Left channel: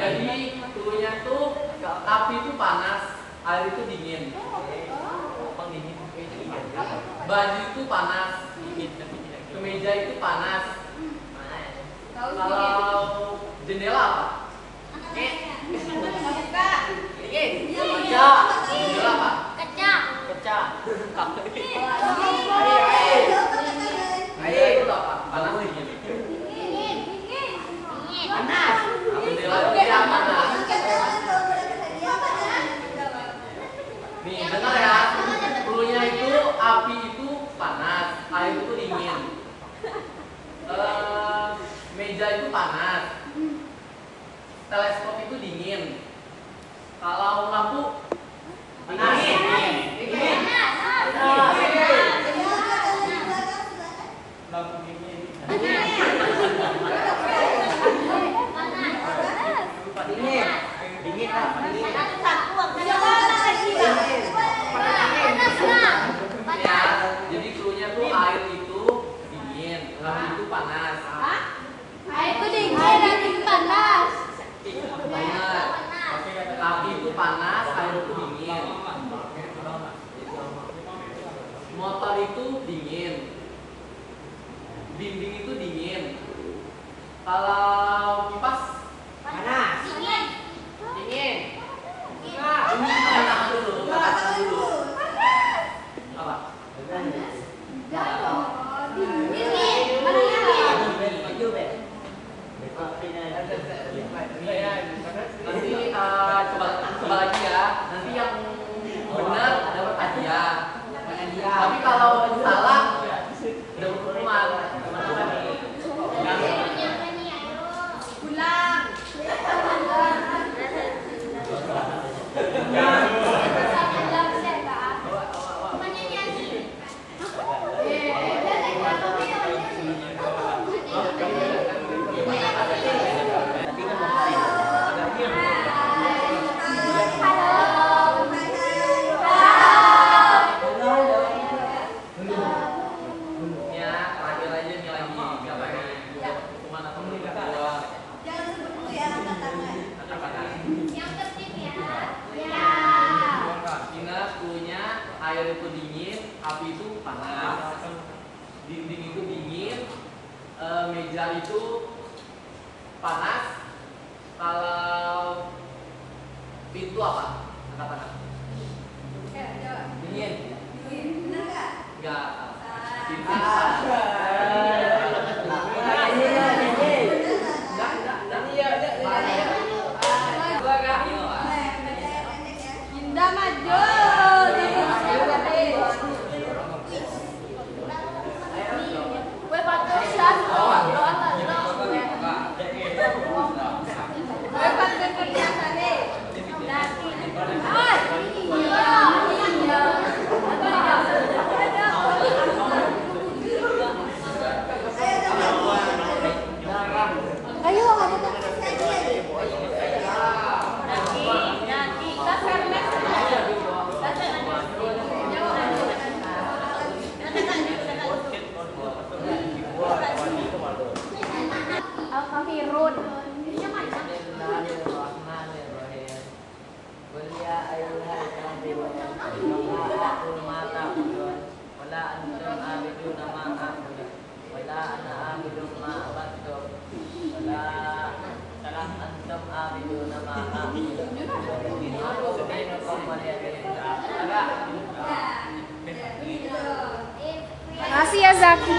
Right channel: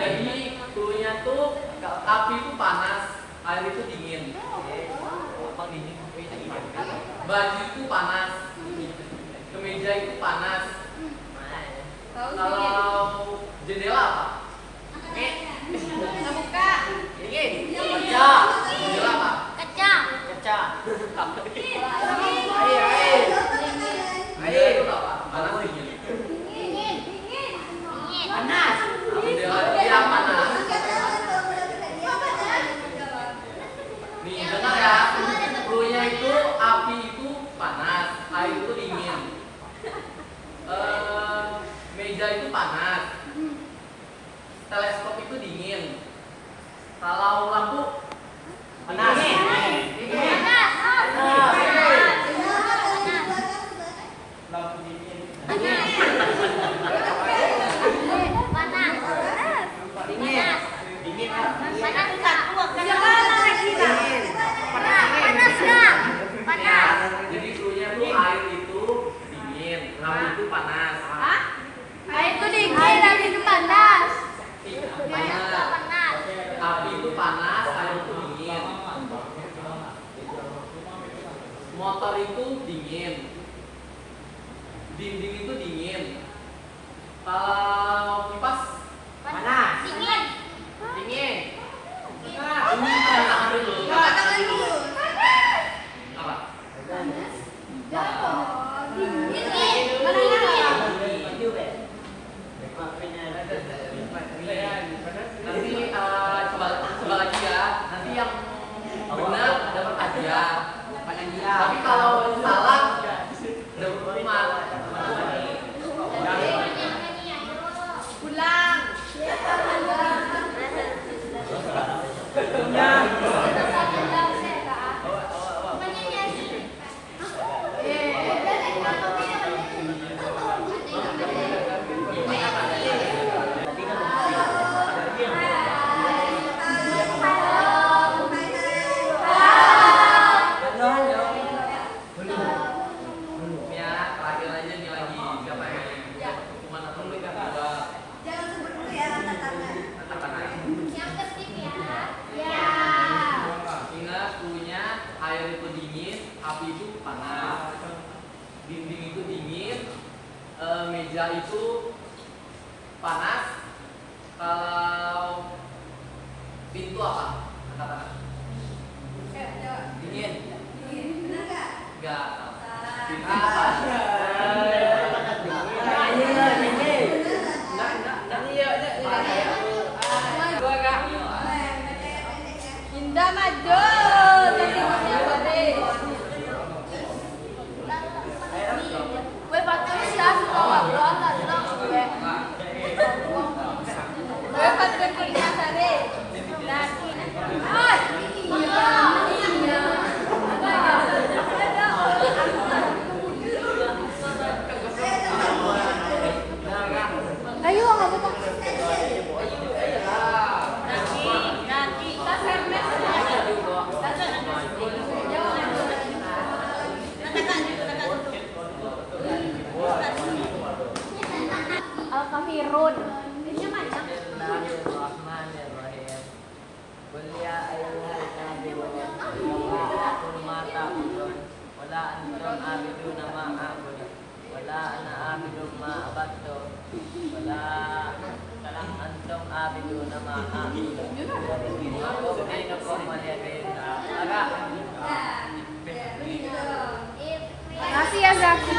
Jadi cluenya tuh api itu panas, air itu dingin. Baju itu panas, kemeja itu panas. Kalau jendela apa? Jendela apa? Kaca. Air itu apa? Panas dingin. Panas. Jendela panas. Nih dengar ya, cluenya itu api itu panas, air itu dingin. Meja itu panas, teleskop itu dingin. Kalau lampu dingin. Lampu dingin. Jadi cluenya tuh air itu dingin, lampu itu panas. Air itu dingin, air itu panas. Benar. Api itu panas, air itu dingin. Motor itu dingin. Dinding itu dingin. Kalau kipas panas. Dingin. Dingin. Nah, ini katakan dulu. Katakan dulu. Apa? Nanti coba lagi ya. Nanti yang benar dapat hadiah. Tapi kalau salah dapat hukuman. Pulang. Air itu dingin, api itu panas, dinding itu dingin, meja itu panas. Kalau pintu apa? Katakan. Dingin. Enggak. Pintu panas. Indah maju. Ayo, nggak apa-apa. Al-Kafirun. Dalam antum abidu nama Makasih ya Zaki.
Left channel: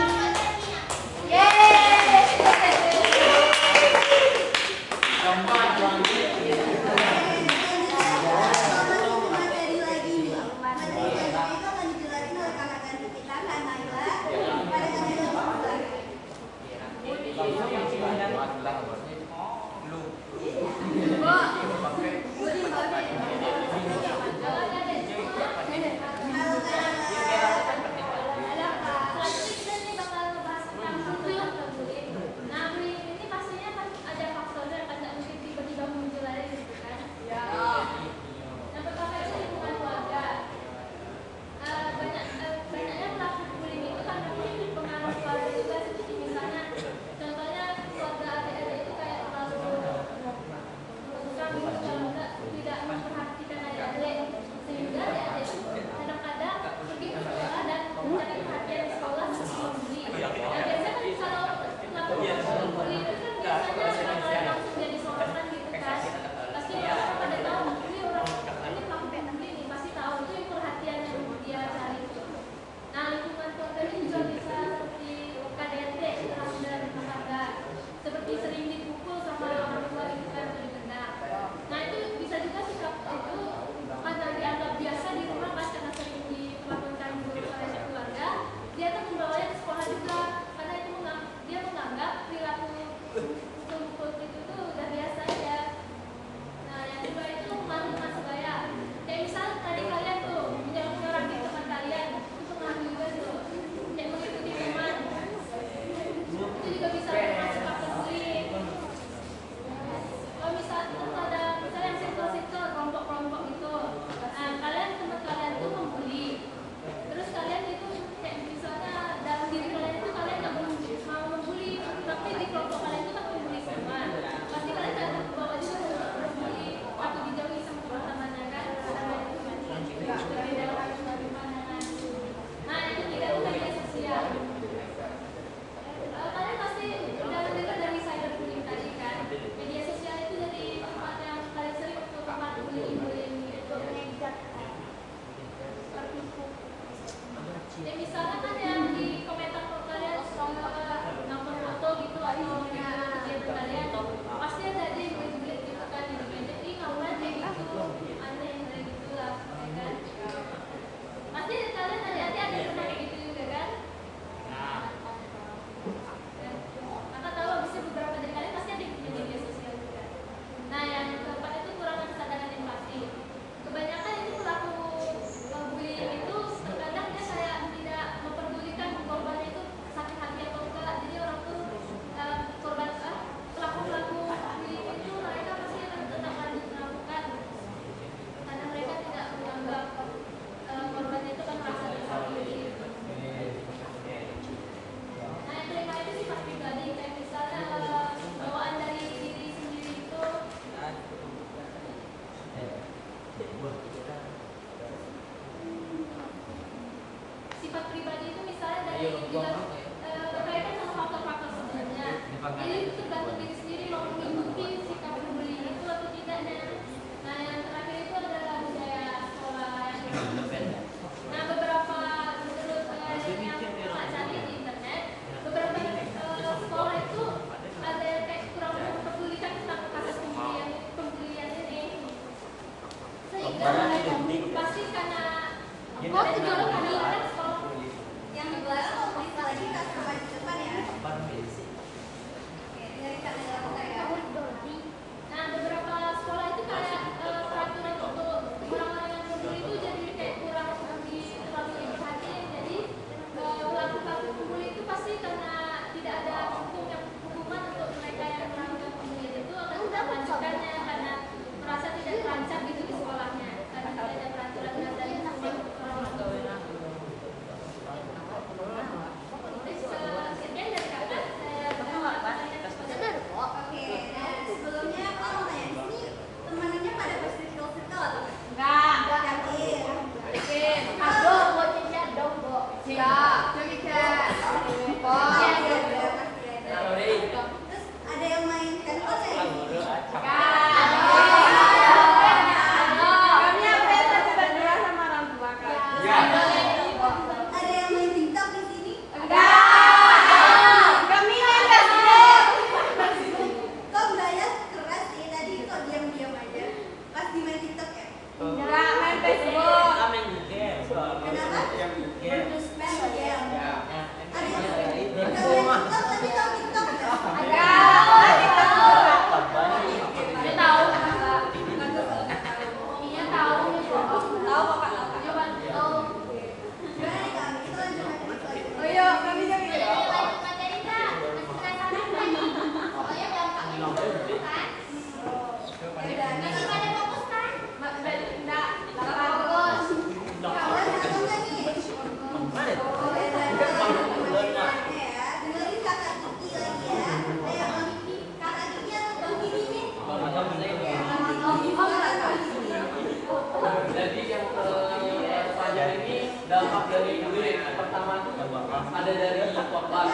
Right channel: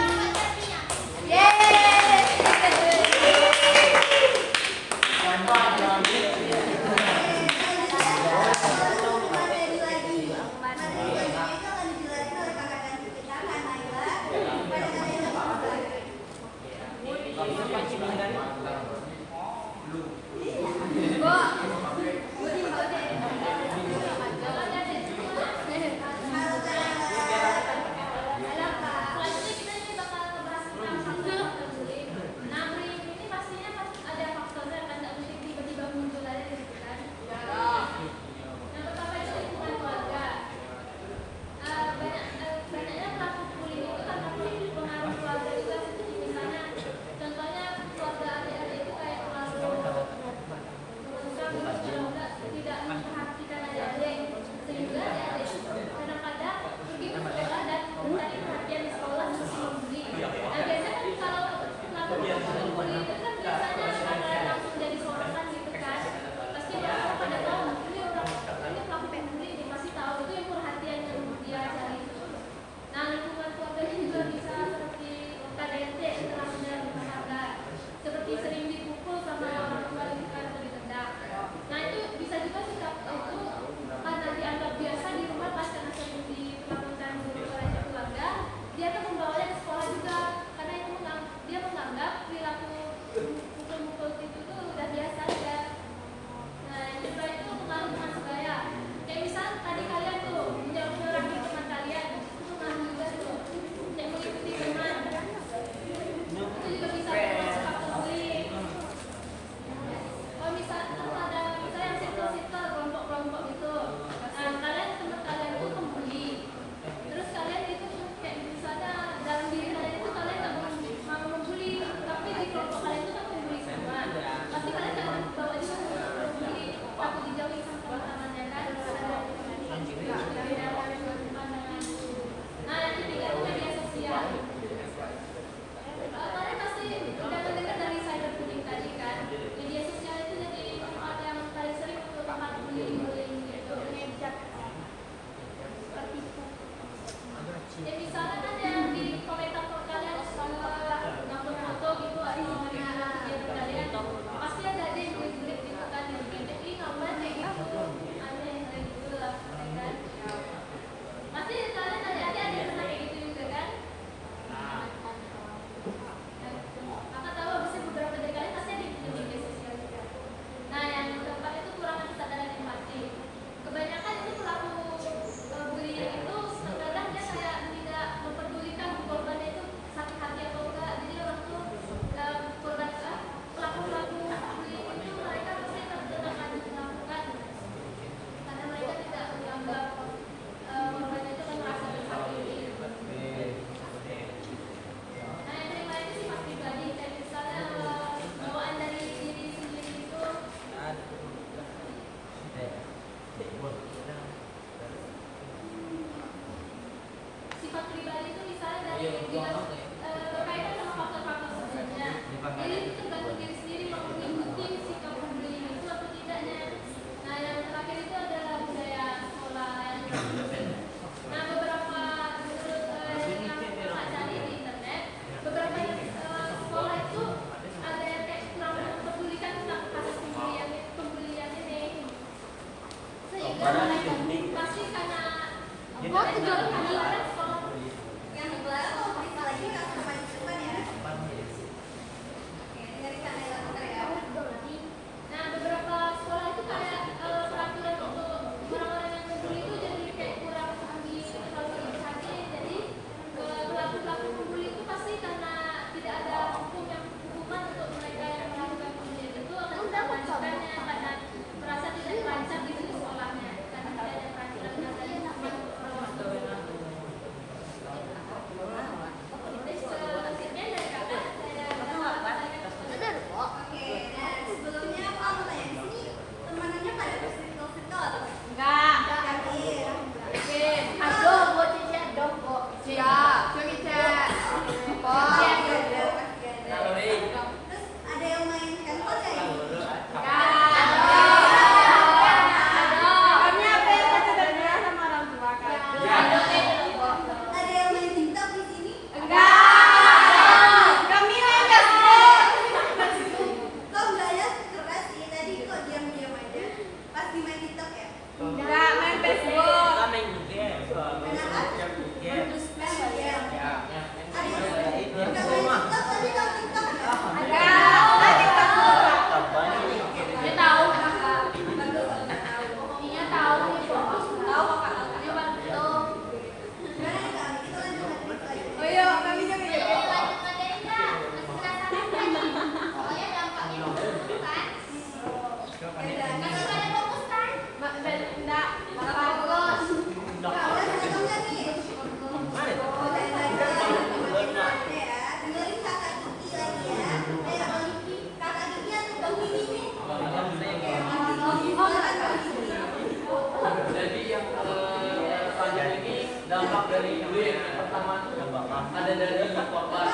dampak dari bullying. Yang pertama itu ada dari korban.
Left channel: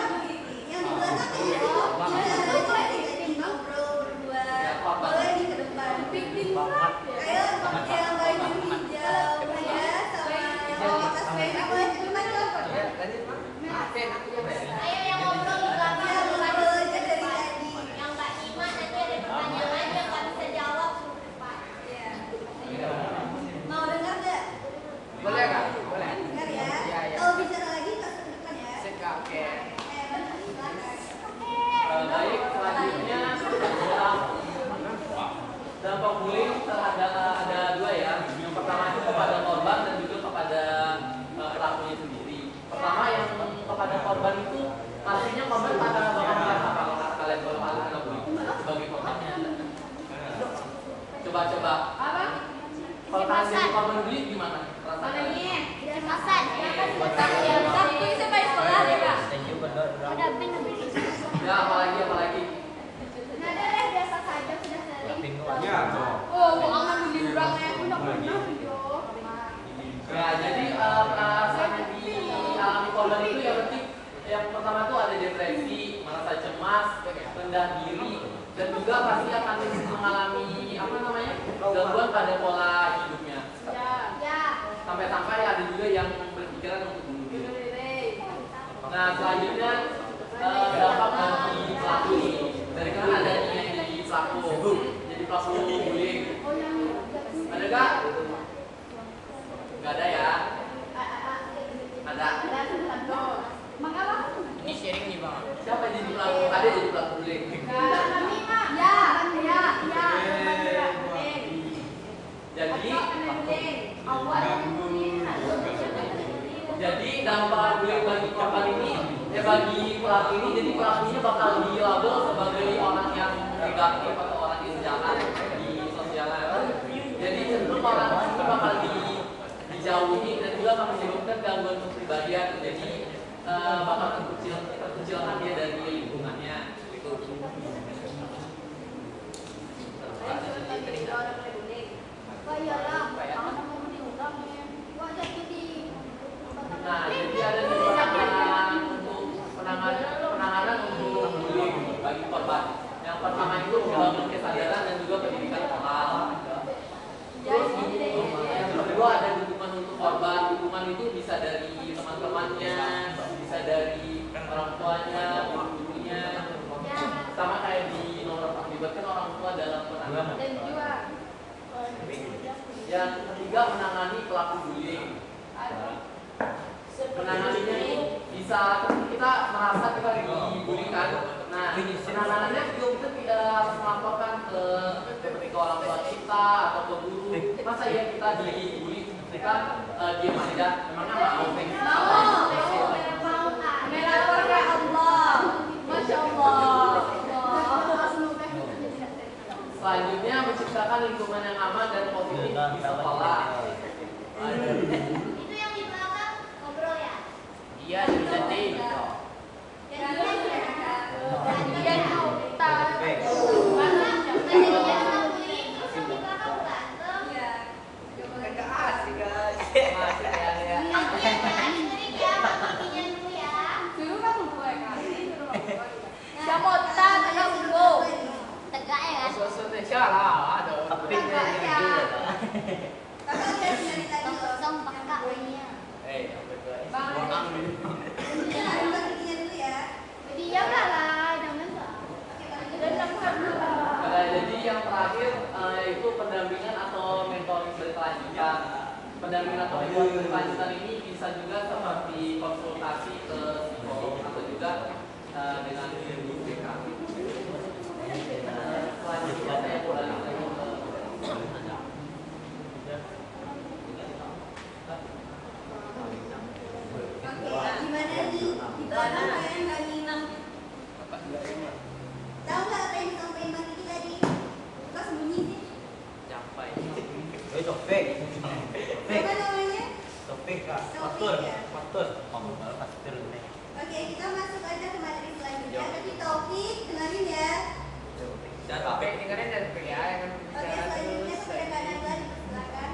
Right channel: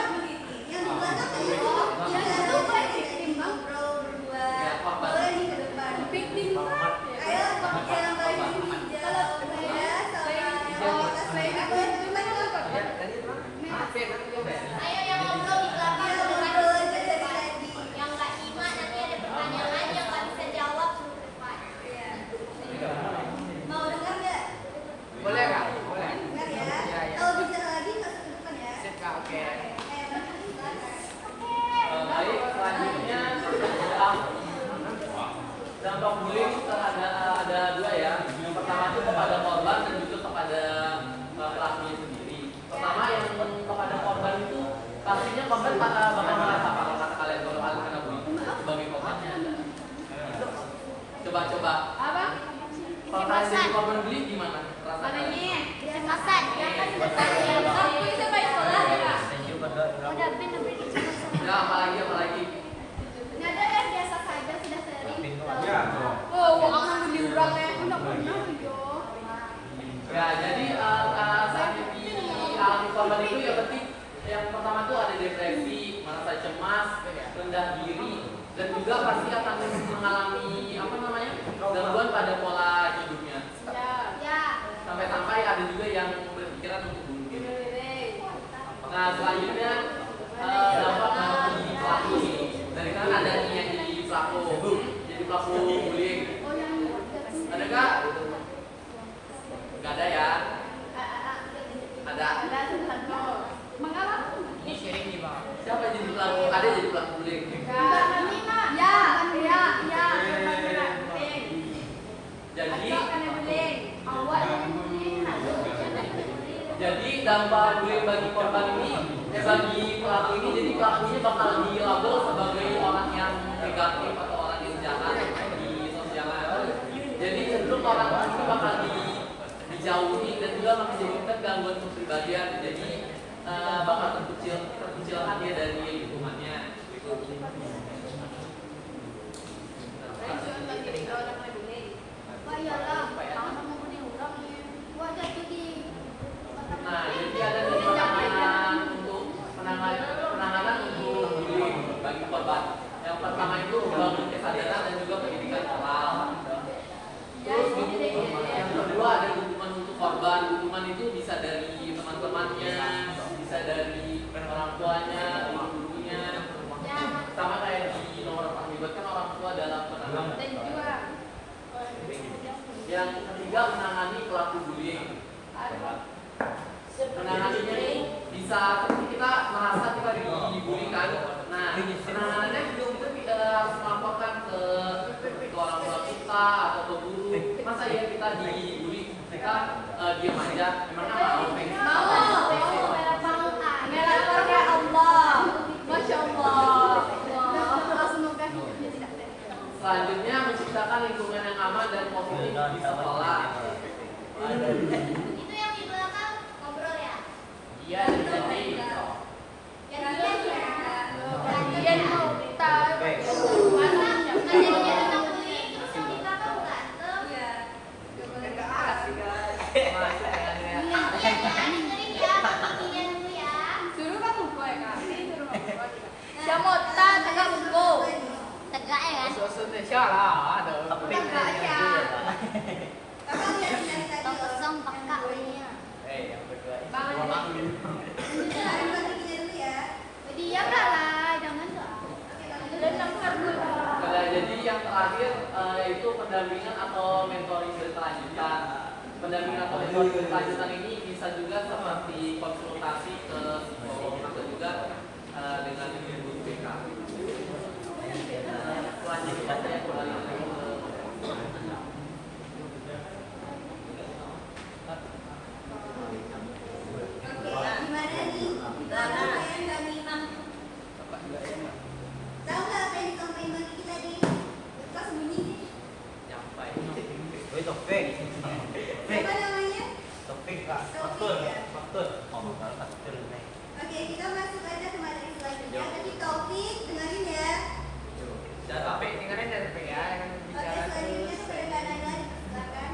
Yang di belakang ini Ya, korban. Boleh nggak? Boleh. Kalau bicara lagi masuk ke depan ya. Oke. Baik, selanjutnya dampak bullying ada dua ya. Yang pertama itu kepada korban dan juga kepada pelakunya sendiri. Pertama yang kepada korban itu pastinya korban bakal merasa kalau kata kalian kalau kalian kena bullying sebagai korbannya. Coba. Kalau kalian jadi korban bullying gimana? Rasanya? Makan. Thank you kedua orang. Ya apalagi? Nada yang biasa saja sudah sering. Pintu aja. Ya jadi saat dialami korban itu yang penting yang pertama itu ada depresi, merasa cemas, rendah diri, dan juga pasti akan mengalami gangguan pada pola hidupnya. Ya. Sampai-sampai ada juga yang berpikiran untuk bunuh diri. Nah selanjutnya dampak bagi pelaku ini dari kan ada yang jadi pelaku bullying. Ada nggak? Nggak ada ya? Ada. Ini sharing di bawah. Siapa yang jadi pelaku? Ada jadi pelaku bullying. Jadi dampak bullying bagi korban ini, bagi pelaku ini, jadi pelakunya bakal dilabel sebagai orang yang negatif atau orang yang jahat di sosial. Jadi cenderung orang ini bakal dijauhi dan juga menyebabkan gangguan kepribadian. Jadi bakal terkucilkan dia dari lingkungannya. Gitu. Nah, jadi ada penanganan untuk penanganan untuk bullying bagi korban. Yang pertama itu membangun kesadaran dan juga pendidikan moral. Terus yang kedua ada dukungan untuk korban. Dukungan itu bisa dari teman-temannya, bisa dari orang tuanya, gurunya, sama kayak di nomor melibatkan orang tua dalam penanganan. Yang ketiga menangani pelaku bullying. Menanganinya itu bisa seperti kita merasa kita dibully kan. Nah, penanganannya juga kita tidak harus melaporkan ke orang tua kita atau ke guru. Masa ya kita dibully kita diam aja? Memangnya mau? Melapor ke Allah. Masya Allah. Selanjutnya menciptakan lingkungan yang aman dan positif di sekolah. Itu yang di belakang ngobrol ya? Iya, jadi. Tegak lah, ada. Tapi ini yang ya. Kosong pakai pakainya. Yang berdua ini. Jadi ya udahlah, jangan. Jadi yang terakhir itu pendampingan atau mentoring berkelanjutan. Pendampingan atau mentoring berkelanjutan ini bisa juga seperti konsultasi ke psikolog atau juga dengan guru BK. Selanjutnya saya kembali lagi ke Gimana nih? Di belakang saya nggak nyimak. Tahu nggak apa yang disampaikan Bang Kiki tadi? Kok sembunyi sih? nyampai. Woi, topik. Apa namanya? Topik Kak. Topik ya? Oh, baru kasih turun nih. Oke, kita masuk aja ke materi selanjutnya. Tadi topik, dengerin ya. Dan apa? Dengerin dan ya yang Oke, bicara selanjutnya terus. kepada Kak Naila dipersilakan.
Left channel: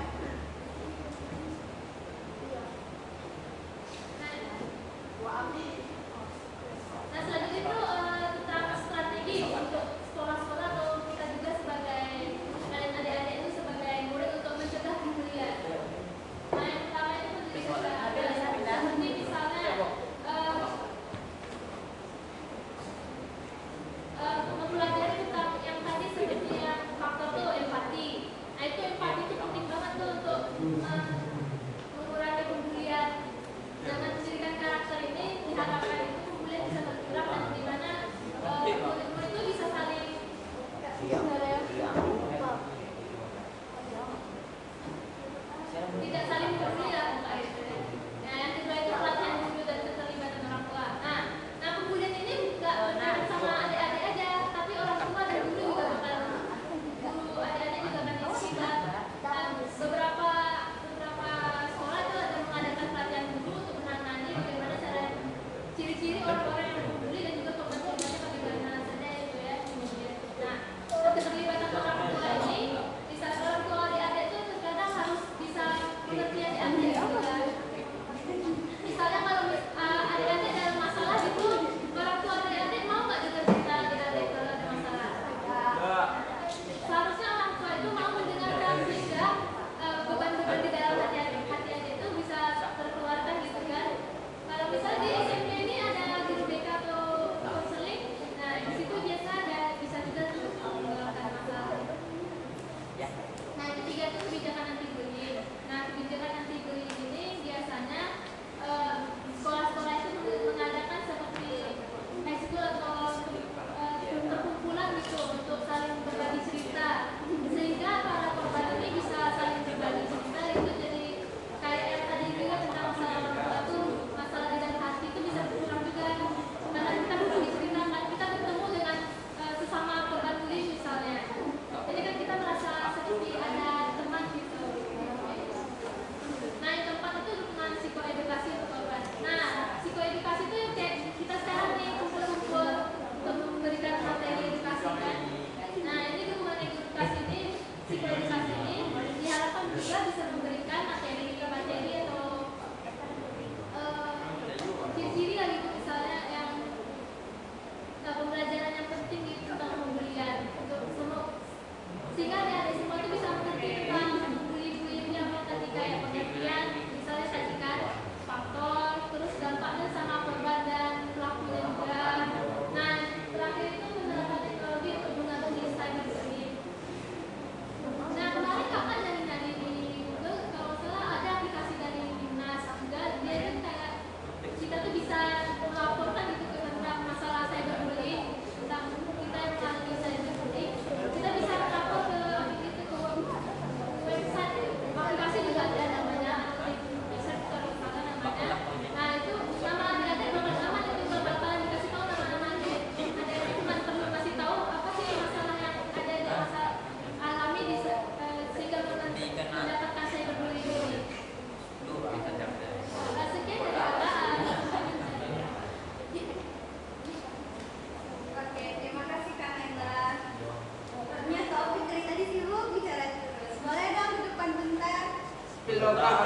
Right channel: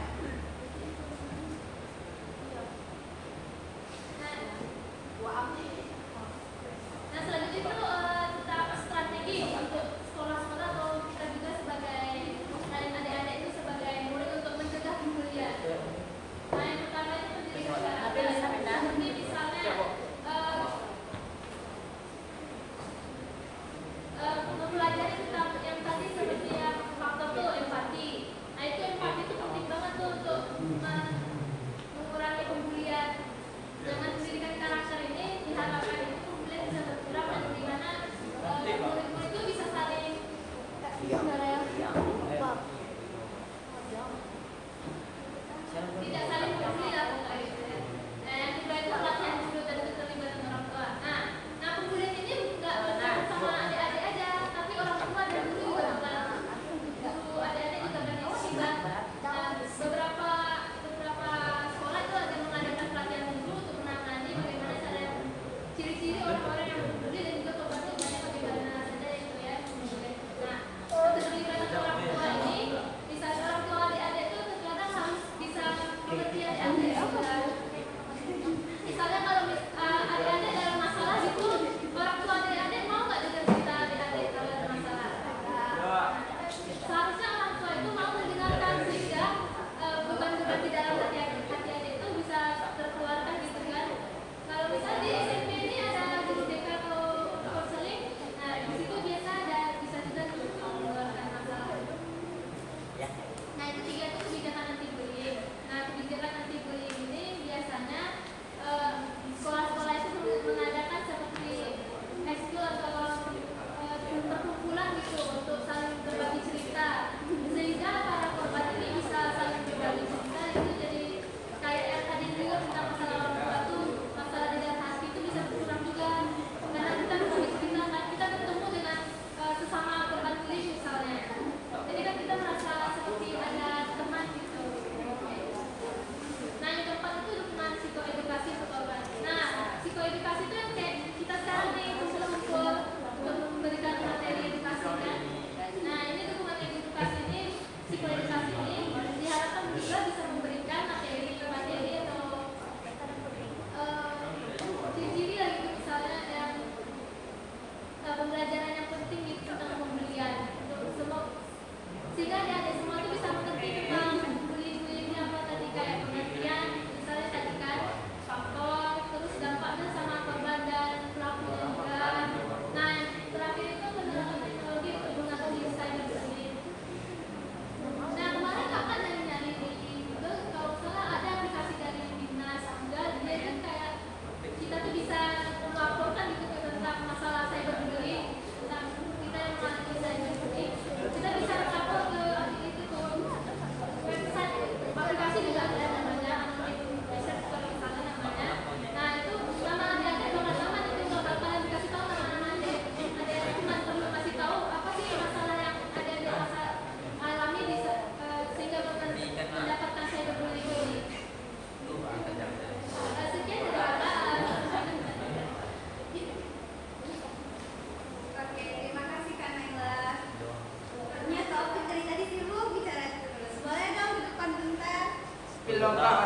loh kak,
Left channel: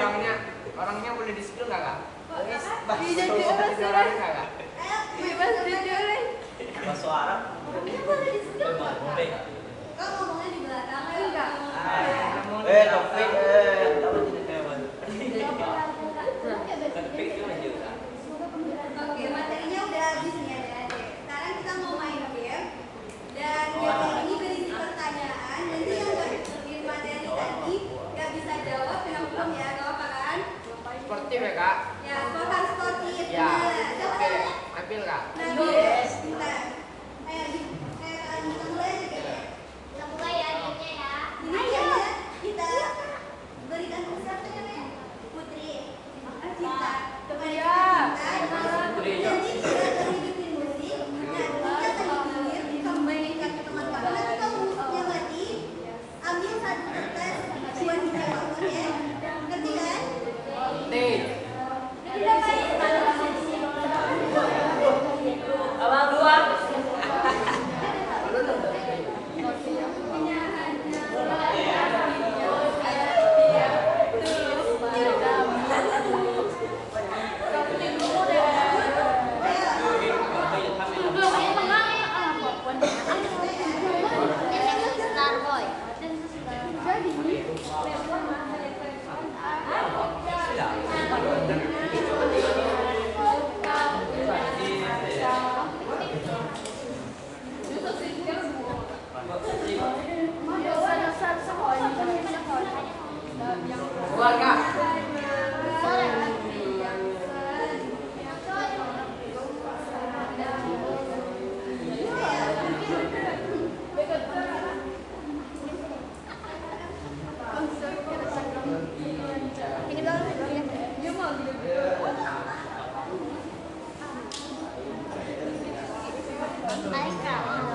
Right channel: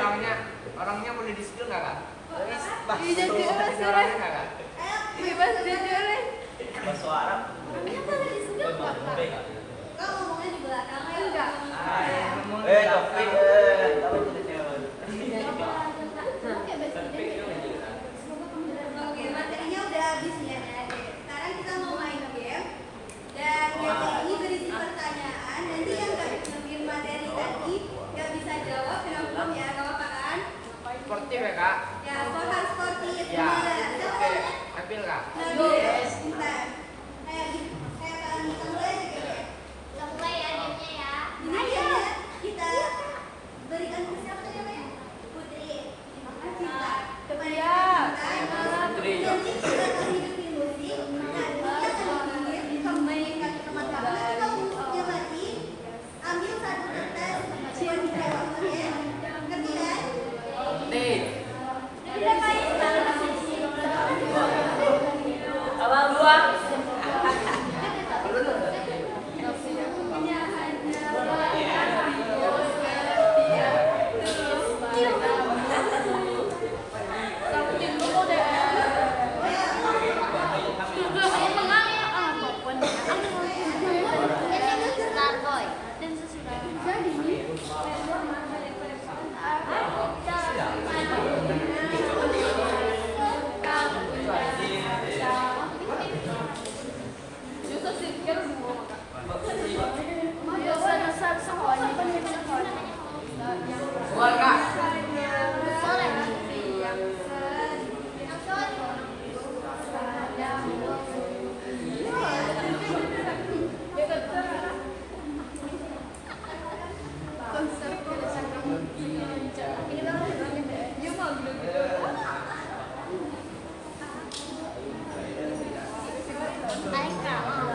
orangnya boleh di skill nggak kak? Bisa juga. Bisa orangnya nggak kak? Ayo, bebas jujur. Bahasa Arab. Kau ngomongnya di belakang ya enggak? Taufik, tahu tidak jawab. Oke, materinya udah habis nih ya. Sekarang kita mau main game. Dan game ini berisi pertanyaan. Nanti yang nggak ngerti materi tadi nggak bisa jawab, kena hukum ya, nggak apa kan? Sportif ya kak? Ya, harus sportif. Ya. Bener. Siapa Oke, namanya? Nabil kak? Nabil. Bentar. Kayak kalian kita mulai aja kayaknya. Ini gamenya kita berikan ke siapa namanya? Putri. Cinta. Kepada Cinta. Putri. Nanti kita akan hidupin musik. Nah, kita akan bikin membandingkan teman-teman. Nanti kamu yang mati ambil satu kertas buat bicara temannya. Ngerti kan? Nih, Udah main abang dua. Keluar kak. Hai kak.